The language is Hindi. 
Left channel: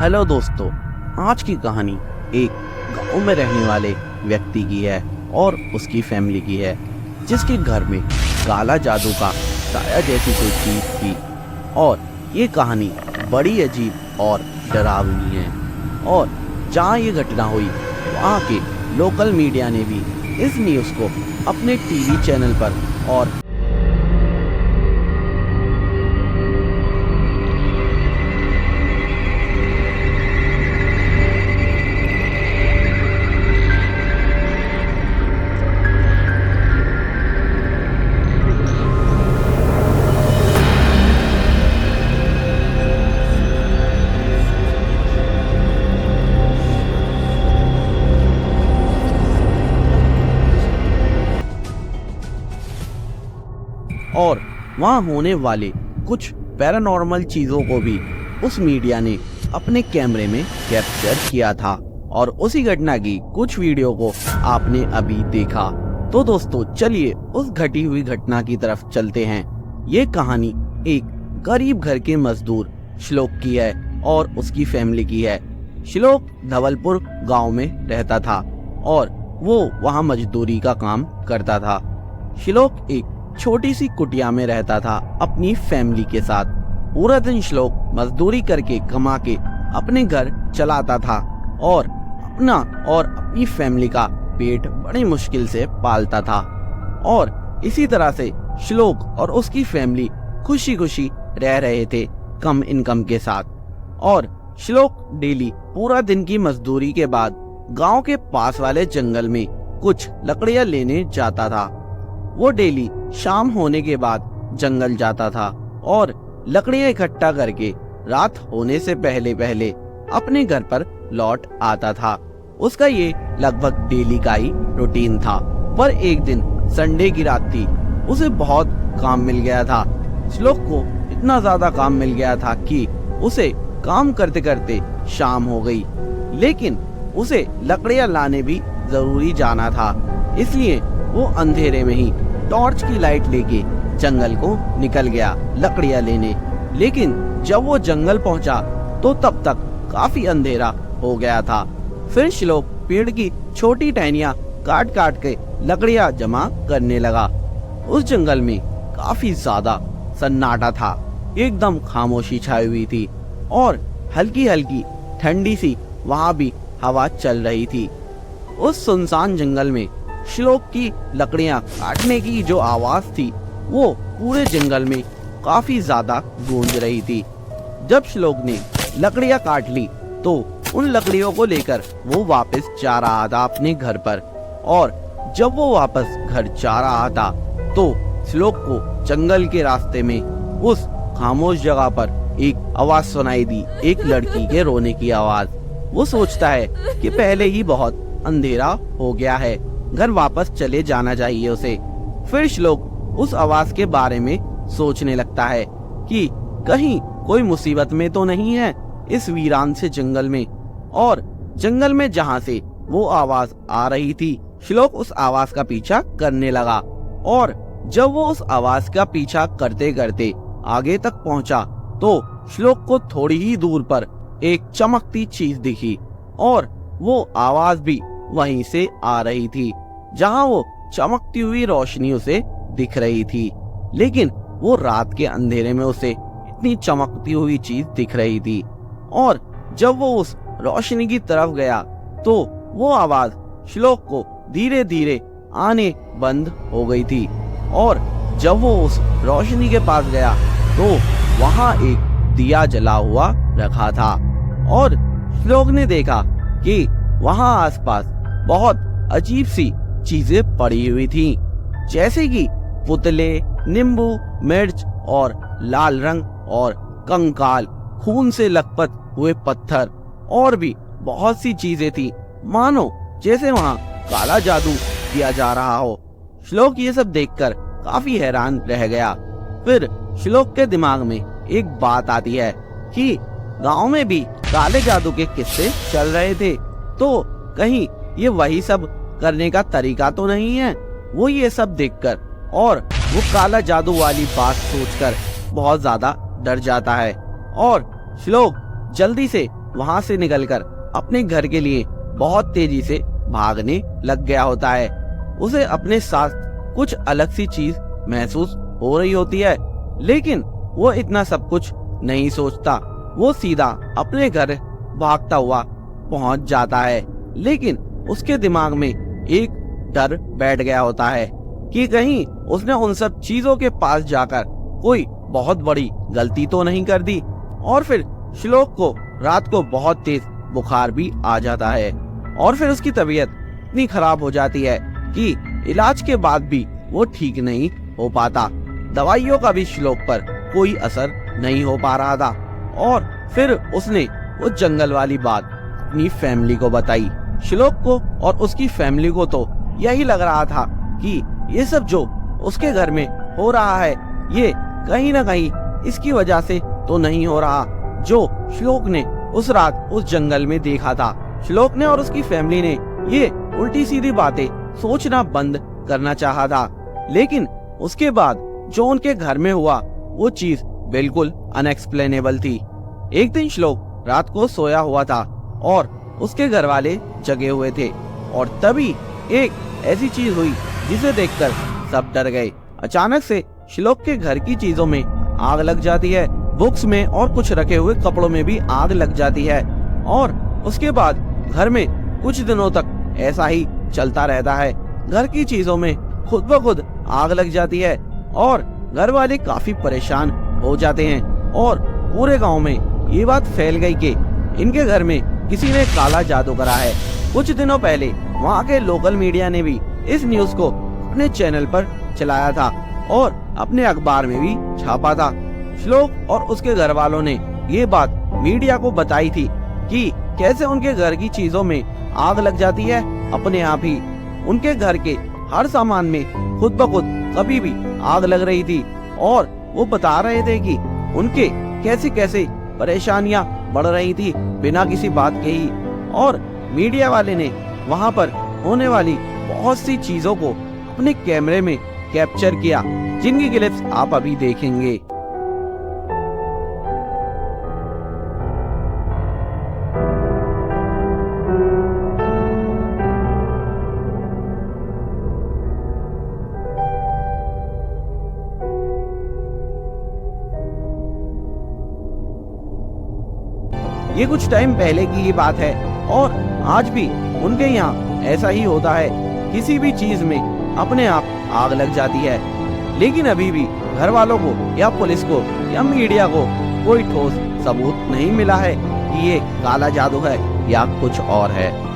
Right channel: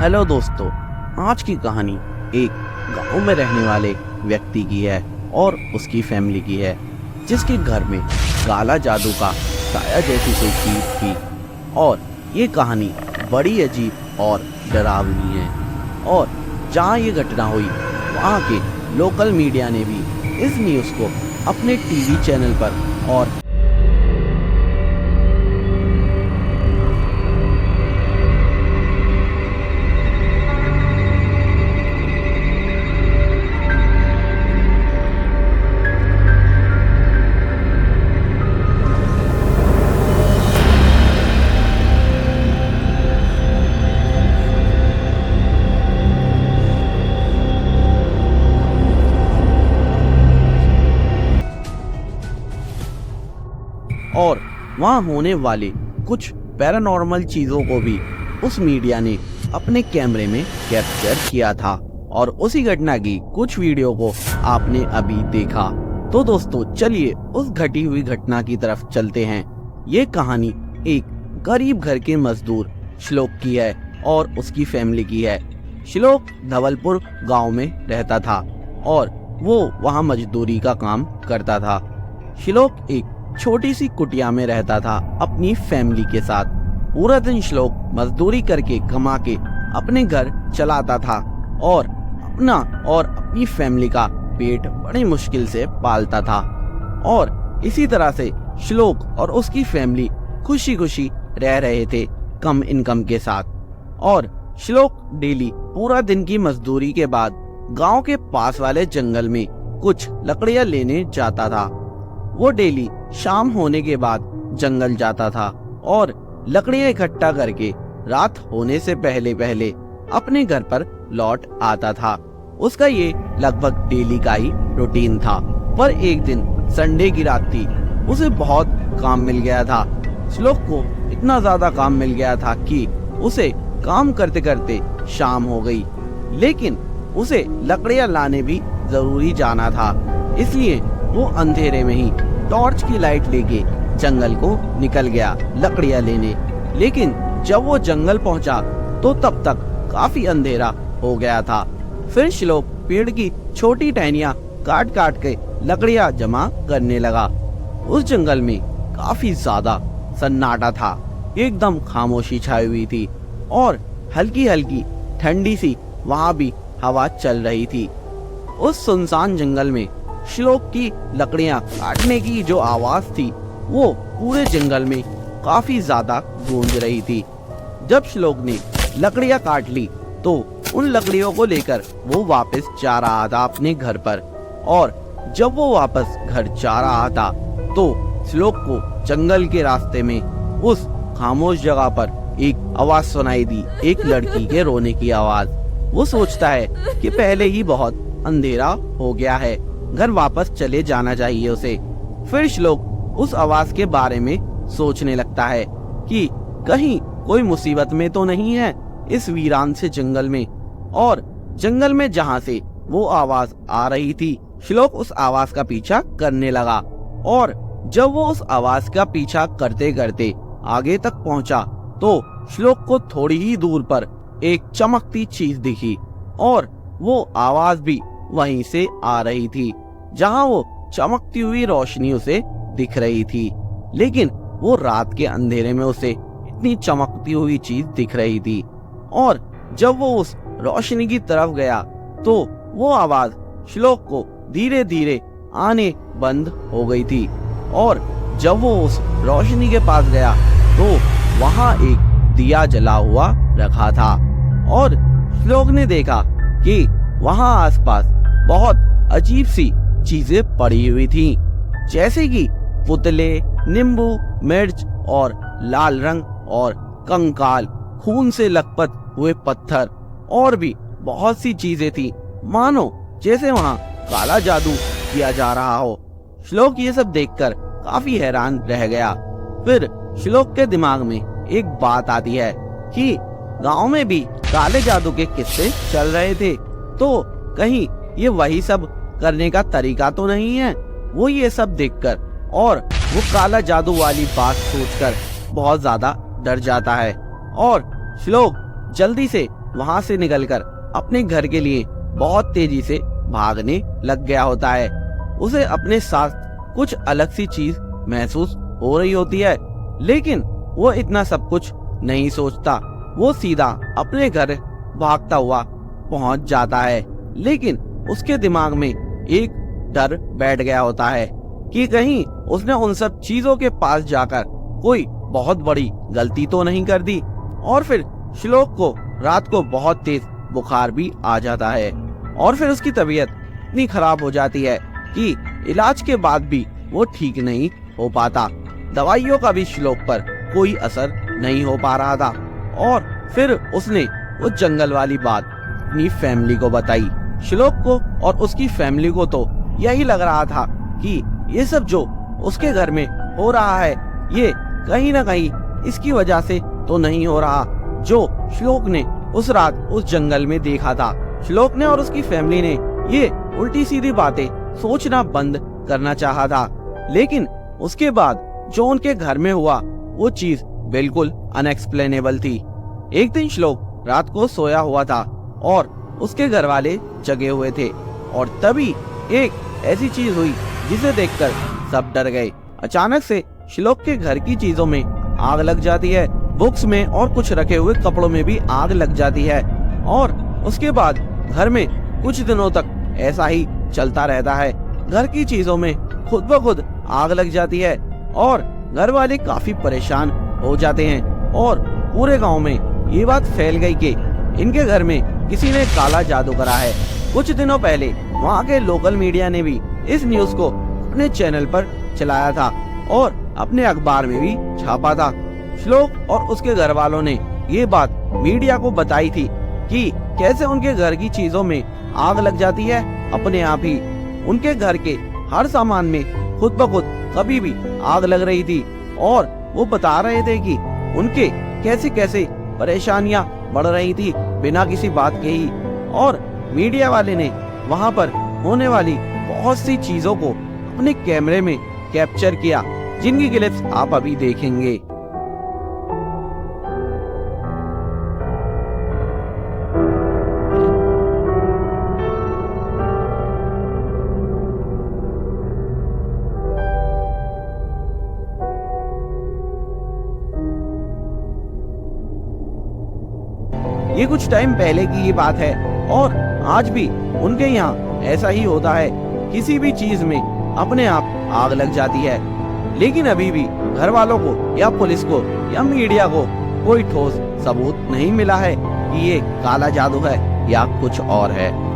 हेलो दोस्तों, आज की कहानी एक गांव में रहने वाले व्यक्ति की है और उसकी फैमिली की है, जिसके घर में काला जादू का साया जैसी कोई चीज थी। और ये कहानी बड़ी अजीब और डरावनी है। और जहाँ ये घटना हुई वहाँ के लोकल मीडिया ने भी इस न्यूज़ को अपने टीवी चैनल पर और वहाँ होने वाले कुछ पैरानॉर्मल चीजों को भी उस मीडिया ने अपने कैमरे में कैप्चर किया था। और उसी घटना की कुछ वीडियो को आपने अभी देखा। तो दोस्तों चलिए उस घटी हुई घटना की तरफ चलते हैं। ये कहानी एक गरीब घर के मजदूर श्लोक की है और उसकी फैमिली की है। श्लोक धवलपुर गांव में रहता था और वो वहाँ मजदूरी का काम करता था। श्लोक एक छोटी सी कुटिया में रहता था अपनी फैमिली के साथ। पूरा दिन श्लोक मजदूरी करके कमा के अपने घर चलाता था और अपना और अपनी फैमिली का पेट बड़ी मुश्किल से पालता था। और इसी तरह से श्लोक और उसकी फैमिली खुशी खुशी रह रहे थे कम इनकम के साथ। और श्लोक डेली पूरा दिन की मजदूरी के बाद गांव के पास वाले जंगल में कुछ लकड़ियां लेने जाता था। वो डेली शाम होने के बाद जंगल जाता था और लकड़ियां इकट्ठा करके रात होने से पहले पहले अपने घर पर लौट आता था। उसका ये लगभग डेली का ही रूटीन था। पर एक दिन संडे की रात थी। उसे बहुत काम मिल गया था। श्लोक को इतना ज्यादा काम मिल गया था कि उसे काम करते करते शाम हो गई। लेकिन उसे लकड़ियां लाने भी जरूरी जाना था, इसलिए वो अंधेरे में ही टॉर्च की लाइट लेके जंगल को निकल गया लकड़ियां लेने। लेकिन जब वो जंगल पहुंचा तो तब तक काफी अंधेरा हो गया था। फिर श्लोक पेड़ की छोटी टहनियां काट काट के लकड़ियां जमा करने लगा। उस जंगल में काफी ज्यादा सन्नाटा था। एकदम खामोशी छाई हुई थी और हल्की हल्की ठंडी सी वहां भी हवा चल रही थी। उस सुनसान जंगल में श्लोक की लकड़ियां काटने की जो आवाज थी वो पूरे जंगल में काफी ज्यादा गूंज रही थी। जब श्लोक ने लकड़ियां काट ली तो उन लकड़ियों को लेकर वो वापस जा रहा था अपने घर पर। और जब वो वापस घर जा रहा था तो श्लोक को जंगल के रास्ते में उस खामोश जगह पर एक आवाज सुनाई दी, एक लड़की के रोने की आवाज। वो सोचता है कि पहले ही बहुत अंधेरा हो गया है, घर वापस चले जाना चाहिए उसे। फिर श्लोक उस आवाज के बारे में सोचने लगता है कि कहीं कोई मुसीबत में तो नहीं है इस वीरान से जंगल में। और जंगल में जहाँ से वो आवाज आ रही थी, श्लोक उस आवाज का पीछा करने लगा। और जब वो उस आवाज का पीछा करते करते आगे तक पहुंचा तो श्लोक को थोड़ी ही दूर पर एक चमकती चीज दिखी और वो आवाज भी वहीं से आ रही थी जहां वो चमकती हुई रोशनी उसे दिख रही थी। लेकिन वो रात के अंधेरे में उसे इतनी चमकती हुई चीज दिख रही थी। और जब वो उस रोशनी की तरफ गया तो वो आवाज श्लोक को धीरे धीरे आने बंद हो गई थी। और जब वो उस रोशनी के पास गया तो वहां एक दिया जला हुआ रखा था। और श्लोक ने देखा कि वहां आसपास बहुत अजीब सी चीजें पड़ी हुई थी, जैसे कि पुतले, नींबू, मिर्च और लाल रंग और कंकाल, खून से लथपथ हुए पत्थर और भी बहुत सी चीजें थी, मानो जैसे वहां काला जादू किया जा रहा हो। श्लोक ये सब देखकर काफी हैरान रह गया। फिर श्लोक के दिमाग में एक बात आती है कि गांव में भी काले जादू के किस्से चल रहे थे, तो कहीं ये वही सब करने का तरीका तो नहीं है। वो ये सब देखकर और वो काला जादू वाली बात सोचकर बहुत ज्यादा डर जाता है। और श्लोक जल्दी से वहां से निकलकर अपने घर के लिए बहुत तेजी से भागने लग गया होता है। उसे अपने साथ कुछ अलग सी चीज महसूस हो रही होती है, लेकिन वो इतना सब कुछ नहीं सोचता। वो सीधा अपने घर भागता हुआ पहुंच जाता है, लेकिन उसके दिमाग में एक डर बैठ गया होता है कि कहीं उसने उन सब चीजों के पास जाकर कोई बहुत बड़ी गलती तो नहीं कर दी। और फिर श्लोक को रात को बहुत तेज बुखार भी आ जाता है और फिर उसकी तबीयत इतनी खराब हो जाती है कि इलाज के बाद भी वो ठीक नहीं हो पाता। दवाइयों का भी श्लोक पर कोई असर नहीं हो पा रहा था। और फिर उसने उस जंगल वाली बात अपनी फैमिली को बताई। श्लोक को और उसकी फैमिली को तो यही लग रहा था कि ये सब जो उसके घर में हो रहा है ये कहीं ना कहीं इसकी वजह से तो नहीं हो रहा जो श्लोक ने उस रात उस जंगल में देखा था। श्लोक ने और उसकी फैमिली ने ये उल्टी सीधी बातें सोचना बंद करना चाहा था, लेकिन उसके बाद जो उनके घर में हुआ वो चीज बिल्कुल अनएक्सप्लेनेबल थी। एक दिन श्लोक रात को सोया हुआ था और उसके घर वाले जगे हुए थे और तभी एक ऐसी चीज हुई जिसे देखकर सब डर गए। अचानक से श्लोक के घर की चीजों में आग लग जाती है, बुक्स में और कुछ रखे हुए कपड़ों में भी आग लग जाती है और उसके बाद घर में कुछ दिनों तक ऐसा ही चलता रहता है। घर की चीजों में खुद ब खुद आग लग जाती है और घर वाले काफी परेशान हो जाते हैं और पूरे गांव में ये बात फैल गई कि इनके घर में किसी ने काला जादू करा है। कुछ दिनों पहले वहाँ के लोकल मीडिया ने भी इस न्यूज को अपने चैनल पर चलाया था और अपने अखबार में भी छापा था। श्लोक और उसके घर वालों ने ये बात मीडिया को बताई थी कि कैसे उनके घर की चीजों में आग लग जाती है अपने आप ही। उनके घर के हर सामान में खुद ब खुद कभी भी आग लग रही थी और वो बता रहे थे कि उनके कैसे कैसे परेशानियां बढ़ रही थी बिना किसी बात के ही। और मीडिया वाले ने वहां पर होने वाली बहुत सी चीजों को अपने कैमरे में कैप्चर किया, जिनकी क्लिप्स आप अभी देखेंगे। ये कुछ टाइम पहले की ये बात है और आज भी उनके यहाँ ऐसा ही होता है। किसी भी चीज में अपने आप आग लग जाती है, लेकिन अभी भी घर वालों को या पुलिस को या मीडिया को कोई ठोस सबूत नहीं मिला है कि ये काला जादू है या कुछ और है।